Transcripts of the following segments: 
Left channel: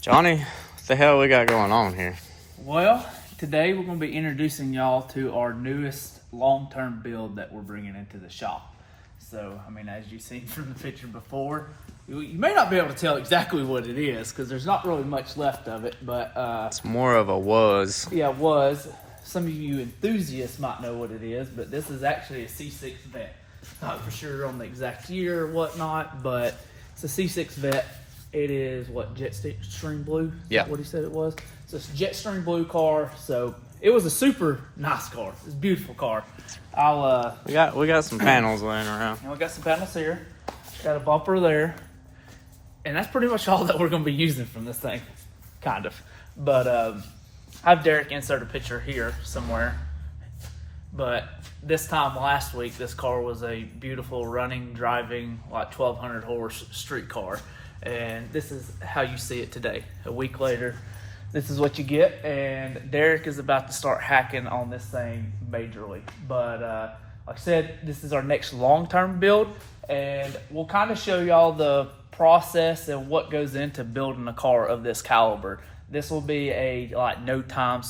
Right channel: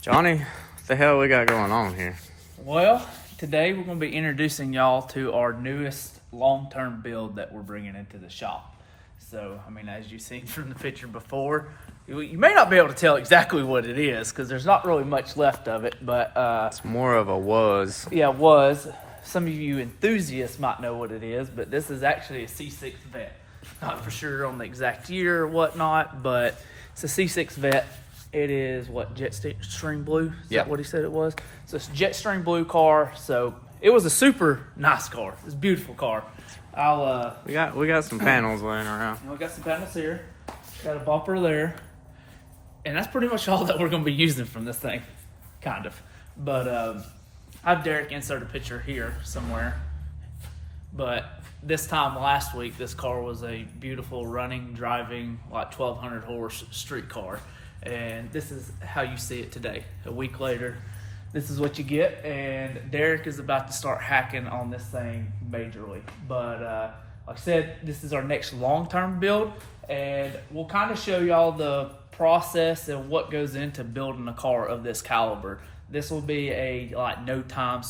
Johnny, what the hell we got going on here? Well, today we're going to be introducing y'all to our newest long-term build that we're bringing into the shop. So, I mean, as you've seen from the picture before, you may not be able to tell exactly what it is because there's not really much left of it, but It's more of a was. yeah, it was. Some of you enthusiasts might know what it is, but this is actually a C6 Vette. Not for sure on the exact year or whatnot, but it's a C6 Vette. It is what, Jetstream Blue? Is Yeah. that what he said it was? So it's a Jetstream Blue car. So it was a super nice car. It's a beautiful car. We got some panels laying around. We got some panels here. Got a bumper there. And that's pretty much all that we're going to be using from this thing. Kind of. But I have Derek insert a picture here somewhere. But this time last week, this car was a beautiful running, driving, like 1,200 horse street car. And this is how you see it today. A week later, this is what you get. And Derek is about to start hacking on this thing majorly. But like I said, this is our next long-term build. And we'll kind of show y'all the process and what goes into building a car of this caliber. This will be a like NoTime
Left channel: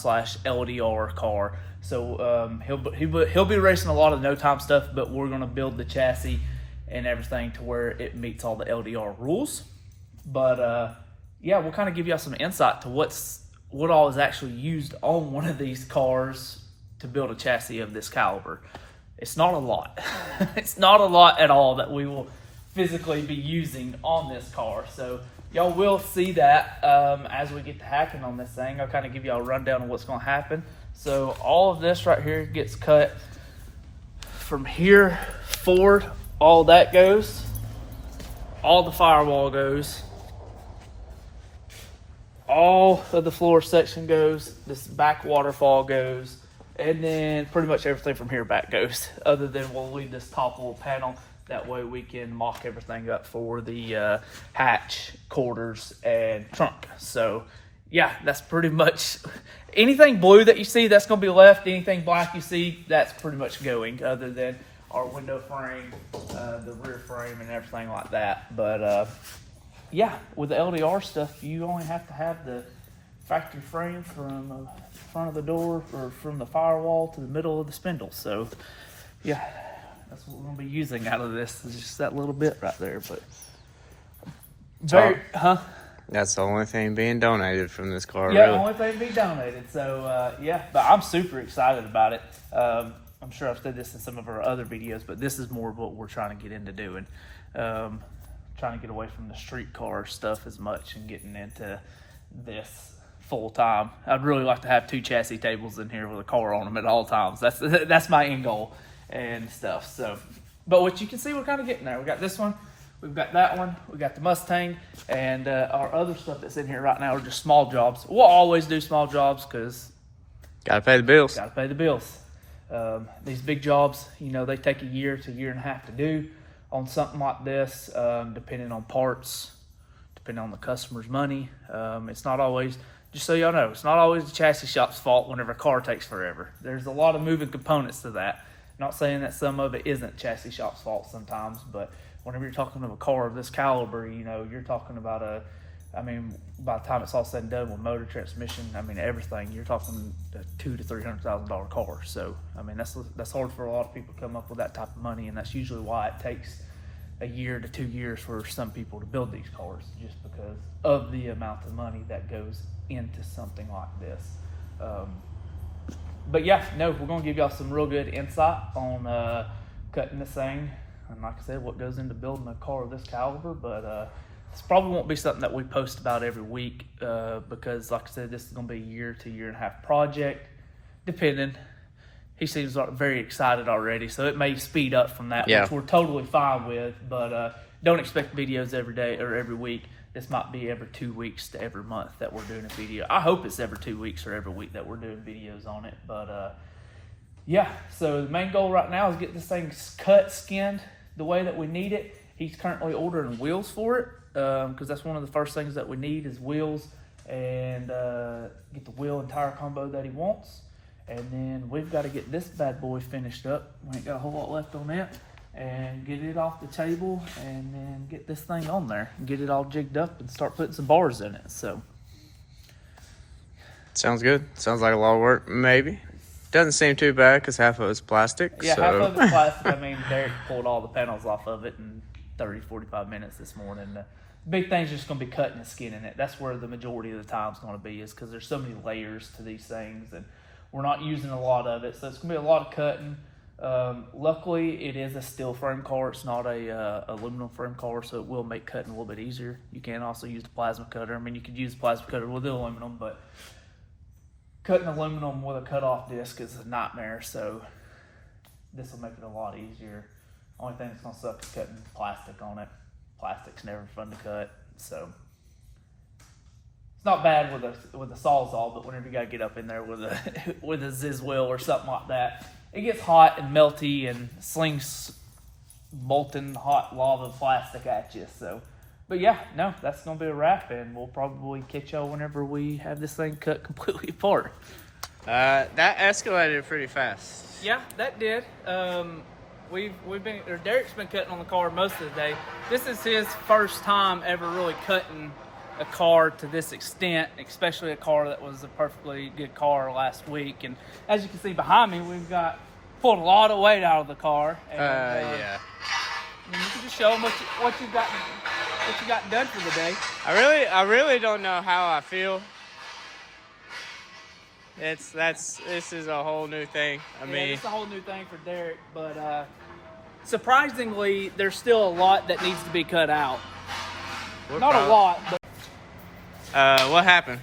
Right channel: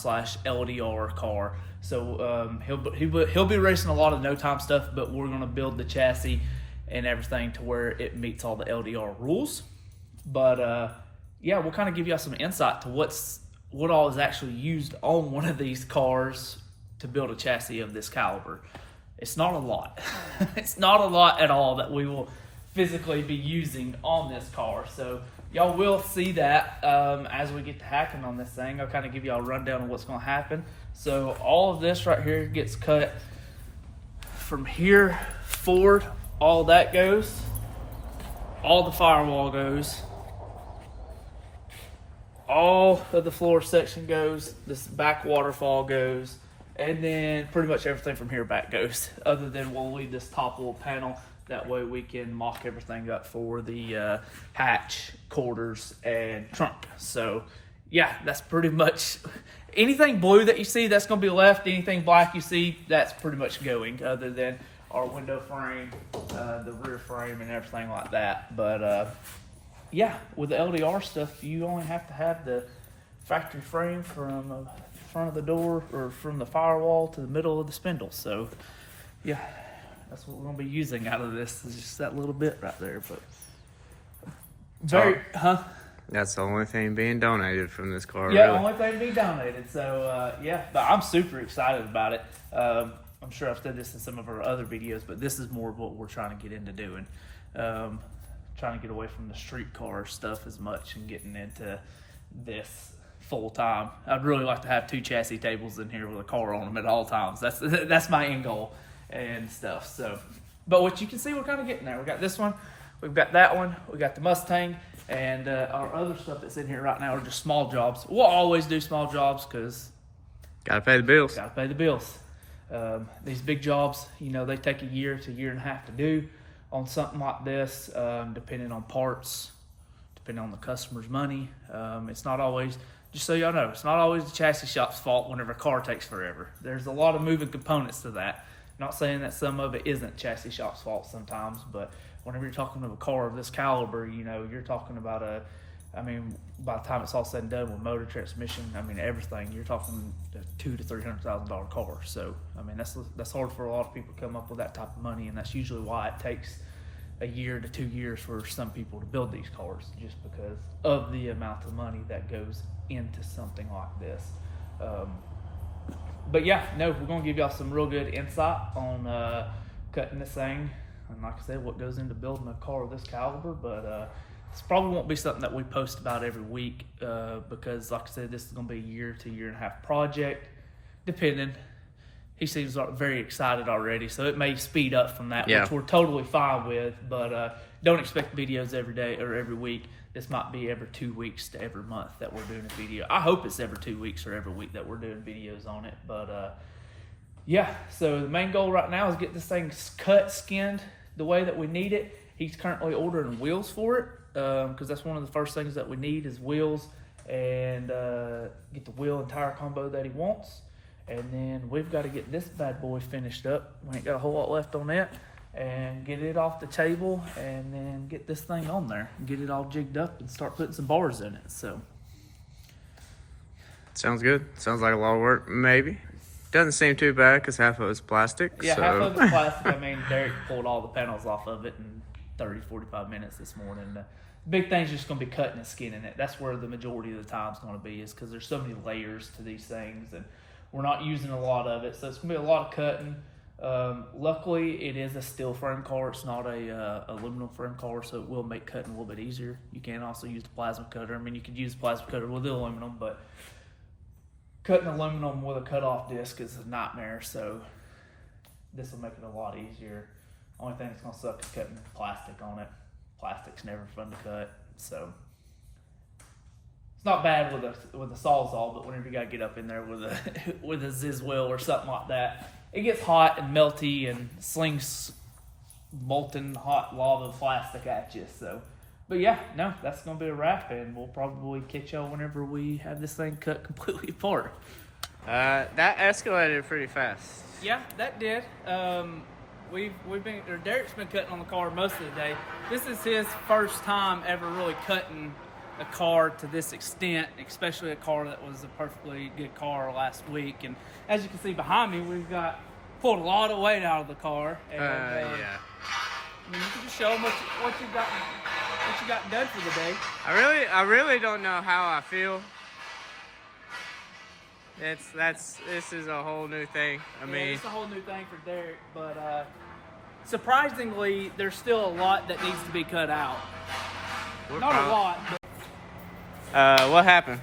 /LDR car. So he'll be racing a lot of NoTime stuff, but we're going to build the chassis and everything to where it meets all the LDR rules. But yeah, we'll kind of give y'all some insight to what all is actually used on one of these cars to build a chassis of this caliber. It's not a lot. It's not a lot at all that we will physically be using on this car. So y'all will see that as we get to hacking on this thing. I'll kind of give y'all a rundown of what's going to happen. So all of this right here gets cut from here forward. All that goes. All the firewall goes. All of the floor section goes. This back waterfall goes. And then pretty much everything from here back goes. Other than we'll leave this top little panel. That way we can mock everything up for the hatch, quarters, and trunk. So yeah, that's pretty much anything blue that you see, that's going to be left. Anything black you see, that's pretty much going, other than our window frame, the rear frame, and everything like that. But yeah, with the LDR stuff, you only have to have the factory frame from the front of the door or from the firewall to the middle of the spindle. So yeah, that's what we're going to be using out of this. Is just that little bit right there. But That's the only thing being donated from this car, yeah, really. only thing to be donated. So yeah, but I'm super excited about it. I'm sure I've said this in some of our other videos, but this is more of what we're trying to get into doing. Trying to get away from the street car stuff as much and getting into this full time. I'd really like to have 2 chassis tables in here with a car on them at all times. That's my end goal and stuff. So, but what you can see, we're kind of getting there. We got this one. We've got that one, we got the Mustang, and our other stuff that's in here right now are just small jobs. We'll always do small jobs because Gotta pay the bills. gotta pay the bills. These big jobs, you know, they take a year to a year and a half to do on something like this, depending on parts, depending on the customer's money. It's not always, just so y'all know, it's not always the chassis shop's fault whenever a car takes forever. There's a lot of moving components to that. Not saying that some of it isn't chassis shop's fault sometimes, but whenever you're talking of a car of this caliber, you know, you're talking about by the time it's all said and done with motor, transmission, everything, you're talking a $200,000 to $300,000 car. So, that's hard for a lot of people to come up with that type of money, and that's usually why it takes a year to 2 years for some people to build these cars, just because of the amount of money that goes into something like this. But yeah, no, we're going to give y'all some real good insight on cutting this thing. And like I said, what goes into building a car of this caliber, but this probably won't be something that we post about every week because, like I said, this is going to be a year to year and a half project, depending. He seems very excited already, so it may speed up from that, Yeah. which we're totally fine with, but don't expect videos every day or every week. This might be every 2 weeks to every month that we're doing a video. I hope it's every 2 weeks or every week that we're doing videos on it, but yeah, so the main goal right now is get this thing cut, skinned the way that we need it. He's currently ordering wheels for it because that's one of the first things that we need is wheels and get the wheel and tire combo that he wants. And then we've got to get this bad boy finished up. We ain't got a whole lot left on that. And get it off the table and then get this thing on there. Get it all jigged up and start putting some bars in it. So Sounds good. Sounds like a lot of work, maybe. Doesn't seem too bad because half of it's plastic. Yeah, so. half of it's plastic. I mean, Derek pulled all the panels off of it in 30, 45 minutes this morning. The big thing's just going to be cutting and skinning it. That's where the majority of the time is going to be, is because there's so many layers to these things, and we're not using a lot of it. So it's going to be a lot of cutting. Luckily, it is a steel frame car. It's not a aluminum frame car, so it will make cutting a little bit easier. You can also use the plasma cutter. I mean, you could use the plasma cutter with the aluminum, but cutting aluminum with a cutoff disc is a nightmare, so this will make it a lot easier. Only thing that's going to suck is cutting plastic on it. Plastic's never fun to cut, so it's not bad with a Sawzall, but whenever you got to get up in there with a with a Ziz wheel or something like that, it gets hot and melty and slings molten hot lava plastic at you. So, but yeah, no, that's going to be a wrap, and we'll probably catch y'all whenever we have this thing cut completely apart. That escalated pretty fast. Yeah, that did. Derek's been cutting on the car most of the day. This is his first time ever really cutting a car to this extent, especially a car that was a perfectly good car last week. And as you can see behind me, we've pulled a lot of weight out of the car. And, Yeah. I mean, you can just show them what you got done for the day. I really don't know how I feel. This is a whole new thing. I mean, it's a whole new thing for Derek, but surprisingly, there's still a lot that needs to be cut out. Not a lot, but what happened?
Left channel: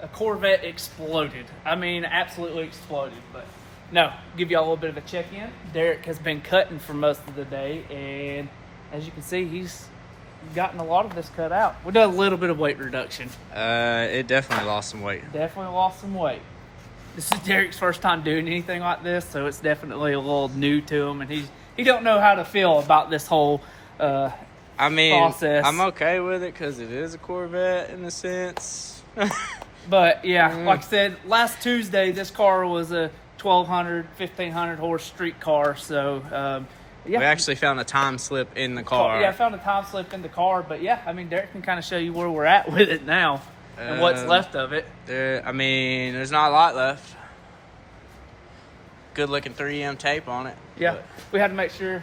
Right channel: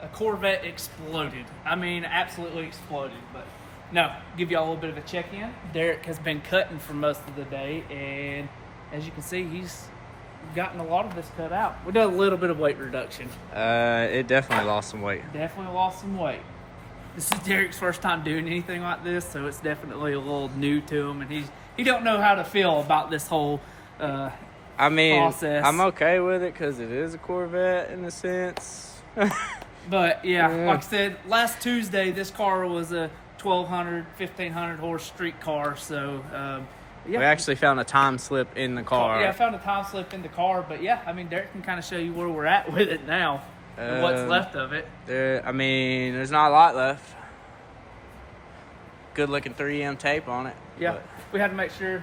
a Corvette exploded. I mean, absolutely exploded. But no, give y'all a little bit of a check-in. Derek has been cutting for most of the day, and as you can see, he's gotten a lot of this cut out. We did a little bit of weight reduction. It definitely lost some weight. Definitely lost some weight. This is Derek's first time doing anything like this, so it's definitely a little new to him, and he don't know how to feel about this whole I mean, process. I'm okay with it because it is a Corvette in a sense. But yeah, like I said, last Tuesday this car was a 1,200, 1,500 horse street car, so yeah. We actually found a time slip in the car. Yeah, I found a time slip in the car, but yeah, I mean, Derek can kind of show you where we're at with it now, and what's left of it. There's not a lot left. Good looking 3M tape on it. Yeah, but we had to make sure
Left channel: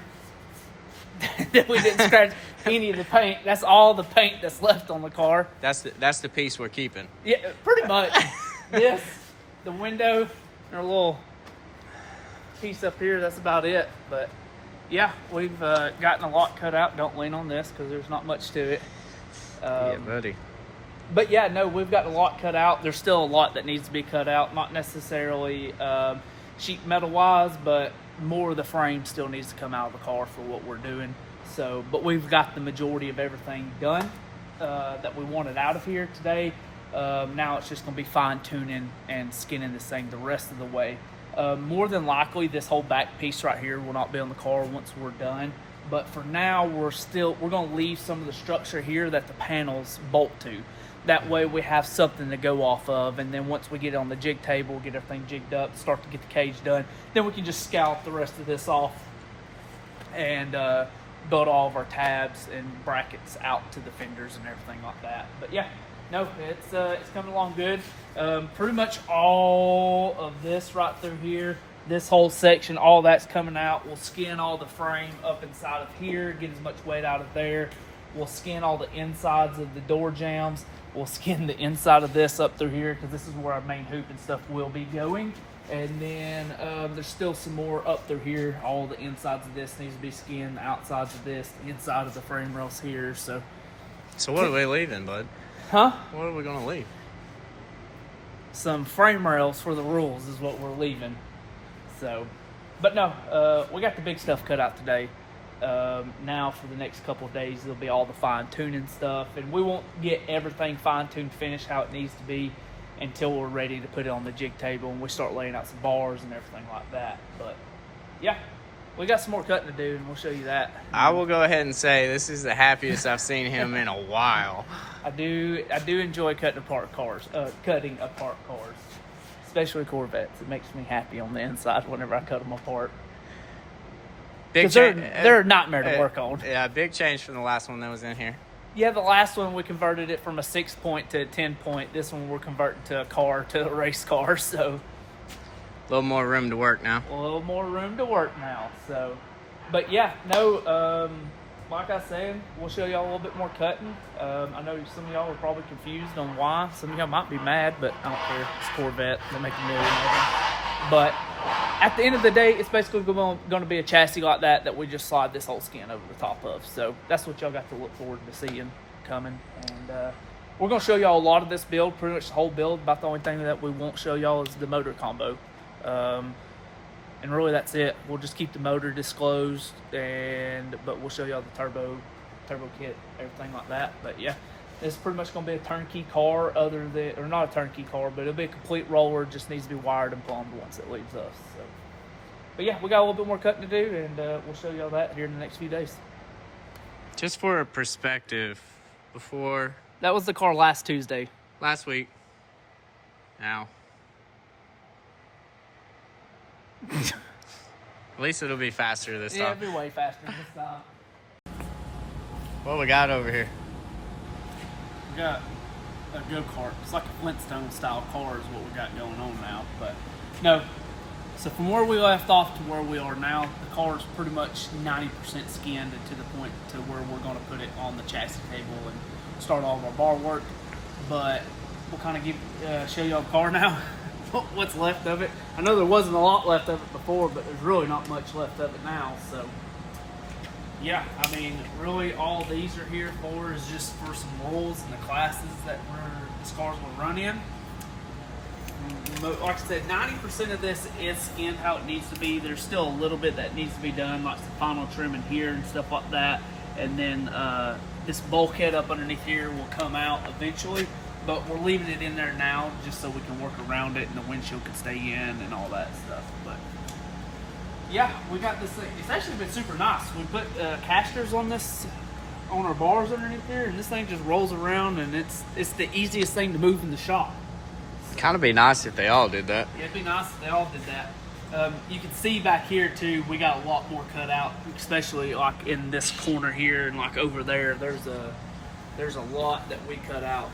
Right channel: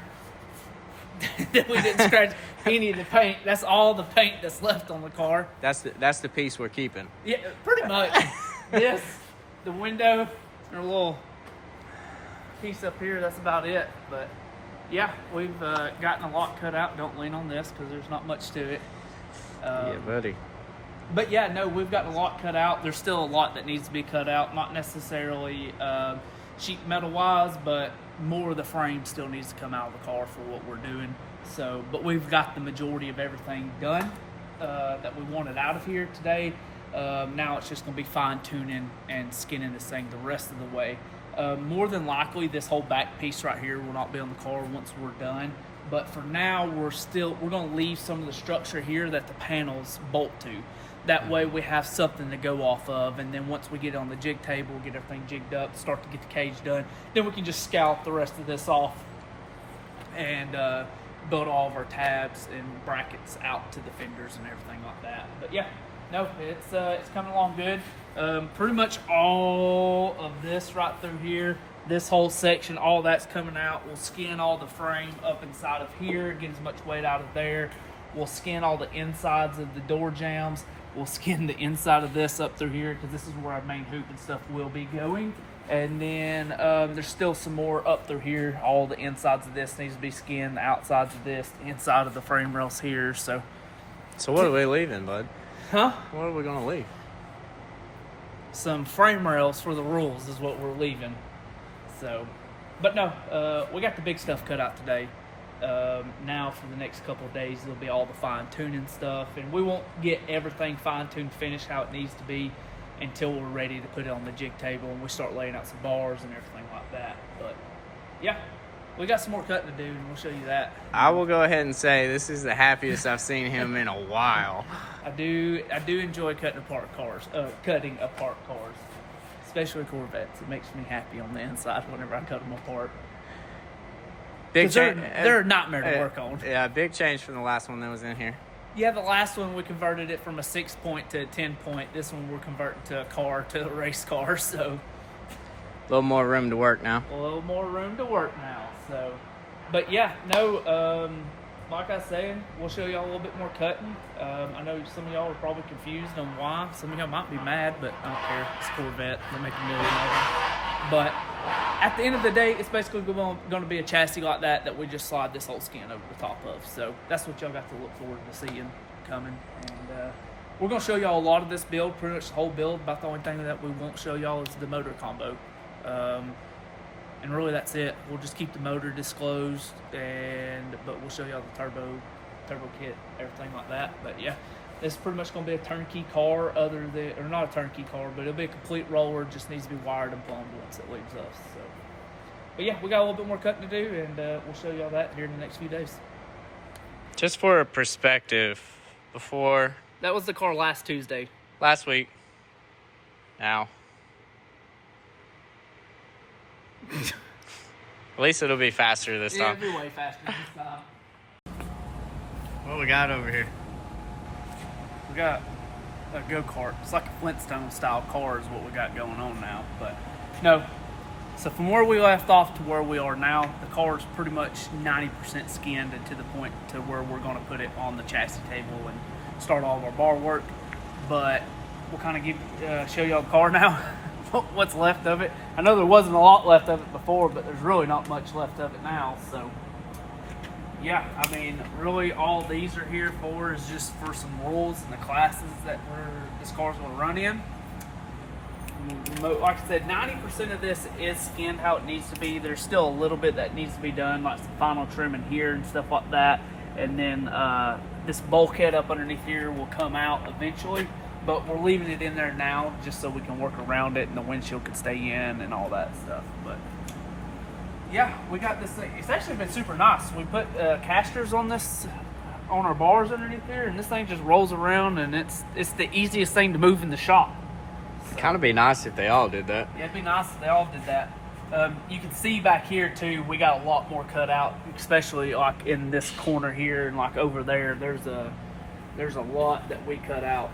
that we didn't scratch any of the paint. That's all the paint that's left on the car. That's the piece we're keeping. Yeah, pretty much. This, the window, or a little piece up here, that's about it. But yeah, we've gotten a lot cut out. Don't lean on this because there's not much to it. Yeah, buddy. But yeah, no, we've got a lot cut out. There's still a lot that needs to be cut out. Not necessarily sheet metal wise, but more of the frame still needs to come out of the car for what we're doing. So, but we've got the majority of everything done that we wanted out of here today. Now it's just going to be fine tuning and skinning this thing the rest of the way. More than likely, this whole back piece right here will not be on the car once we're done. But for now, we're going to leave some of the structure here that the panels bolt to. That way we have something to go off of, and then once we get on the jig table, get everything jigged up, start to get the cage done, then we can just scalp the rest of this off and build all of our tabs and brackets out to the fenders and everything like that. But yeah, no, it's coming along good. Pretty much all of this right through here, this whole section, all that's coming out. We'll skin all the frame up inside of here, get as much weight out of there. We'll skin all the insides of the door jambs. We'll skin the inside of this up through here because this is where our main hoop and stuff will be going. And then there's still some more up through here. All the insides of this needs to be skinned, the outsides of this, the inside of the frame rails here. So what are we leaving, bud? Huh? What are we going to leave? Some frame rails for the rules is what we're leaving. So, but no, we got the big stuff cut out today. Now for the next couple of days, it'll be all the fine-tuning stuff, and we won't get everything fine-tuned finished how it needs to be until we're ready to put it on the jig table and we start laying out some bars and everything like that. But yeah, we got some more cutting to do, and we'll show you that. I will go ahead and say this is the happiest I've seen him in a while. I do enjoy cutting apart cars, especially Corvettes. It makes me happy on the inside whenever I cut them apart. Big change. They're a nightmare to work on. Yeah, big change from the last one that was in here. Yeah, the last one we converted it from a 6-point to a 10-point. This one we're converting to a car, to a race car. So A little more room to work now. a little more room to work now. So, but yeah, no. Like I said, we'll show y'all a little bit more cutting. I know some of y'all are probably confused on why. Some of y'all might be mad, but I don't care. It's Corvette. They'll make $1 million of them. But at the end of the day, it's basically going to be a chassis like that we just slide this whole skin over the top of. So that's what y'all got to look forward to seeing coming. And we're going to show y'all a lot of this build, pretty much the whole build. About the only thing that we won't show y'all is the motor combo. And really that's it. We'll just keep the motor disclosed, but we'll show y'all the turbo kit, everything like that. But yeah, this is pretty much going to be a turnkey car, or not a turnkey car, but it'll be a complete roller. Just needs to be wired and plumbed once it leaves us. So, but yeah, we got a little bit more cutting to do, and we'll show y'all that here in the next few days. Just for a perspective, before That was the car last Tuesday. last week, now. At least it'll be faster this Yeah, time. it'll be way faster this time. What we got over here? We got a go-kart. It's like a Flintstone style car is what we got going on now. But no, so from where we left off to where we are now, the car is pretty much 90% skinned, and to the point to where we're going to put it on the chassis table and start all of our bar work. But we'll kind of show y'all the car now, what's left of it. I know there wasn't a lot left of it before, but there's really not much left of it now. So yeah, I mean, really all these are here for is just for some rules and the classes that this car's going to run in. Like I said, 90% of this is skinned how it needs to be. There's still a little bit that needs to be done, like some final trim in here and stuff like that. And then this bulkhead up underneath here will come out eventually, but we're leaving it in there now just so we can work around it and the windshield can stay in and all that stuff. But yeah, we got this thing. It's actually been super nice. We put casters on our bars underneath there, and this thing just rolls around, and it's the easiest thing to move in the shop. It'd kind of be nice if they all did that. Yeah, it'd be nice if they all did that. You can see back here too, we got a lot more cut out, especially like in this corner here and like over there. There's a lot that we cut out.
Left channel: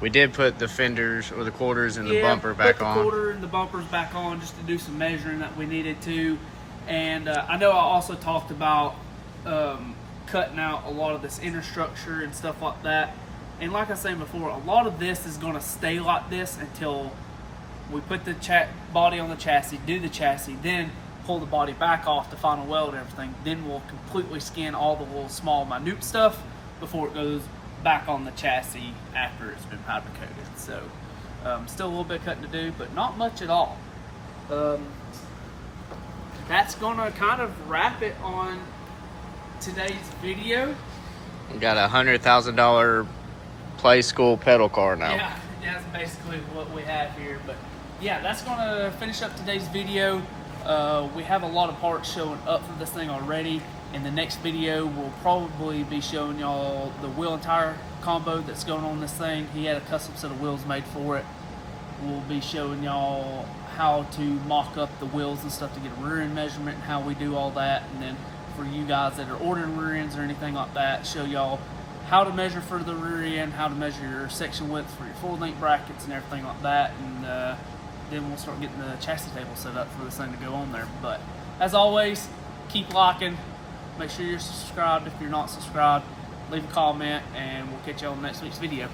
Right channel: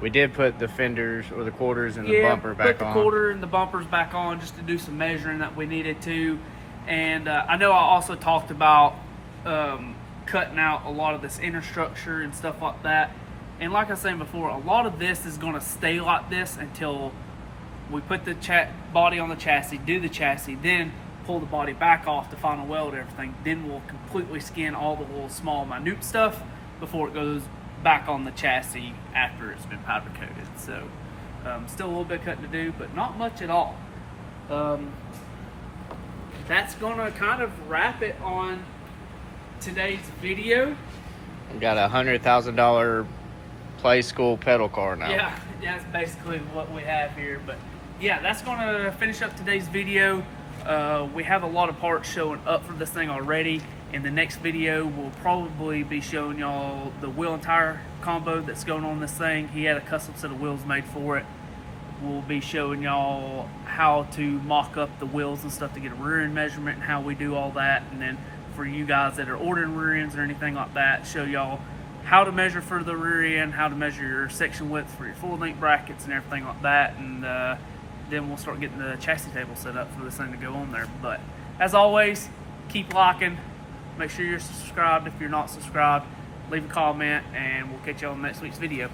We did put the fenders or the quarters and the bumper back on. Put the quarter and the bumpers back on just to do some measuring that we needed to. And I know I also talked about cutting out a lot of this inner structure and stuff like that. And like I was saying before, a lot of this is going to stay like this until we put the body on the chassis, do the chassis, then pull the body back off to final weld everything. Then we'll completely skin all the little small minute stuff before it goes back on the chassis after it's been powder coated. So still a little bit of cutting to do, but not much at all. That's gonna kind of wrap it on today's video. We got a $100,000 play school pedal car now. Yeah, that's basically what we have here. But yeah, that's gonna finish up today's video. We have a lot of parts showing up for this thing already. In the next video, we'll probably be showing y'all the wheel and tire combo that's going on this thing. He had a custom set of wheels made for it. We'll be showing y'all how to mock up the wheels and stuff to get a rear end measurement and how we do all that. And then for you guys that are ordering rear ends or anything like that, show y'all how to measure for the rear end, how to measure your section width for your full length brackets and everything like that. And then we'll start getting the chassis table set up for this thing to go on there. But as always, keep liking. Make sure you're subscribed if you're not subscribed. Leave a comment, and we'll catch you on next week's video.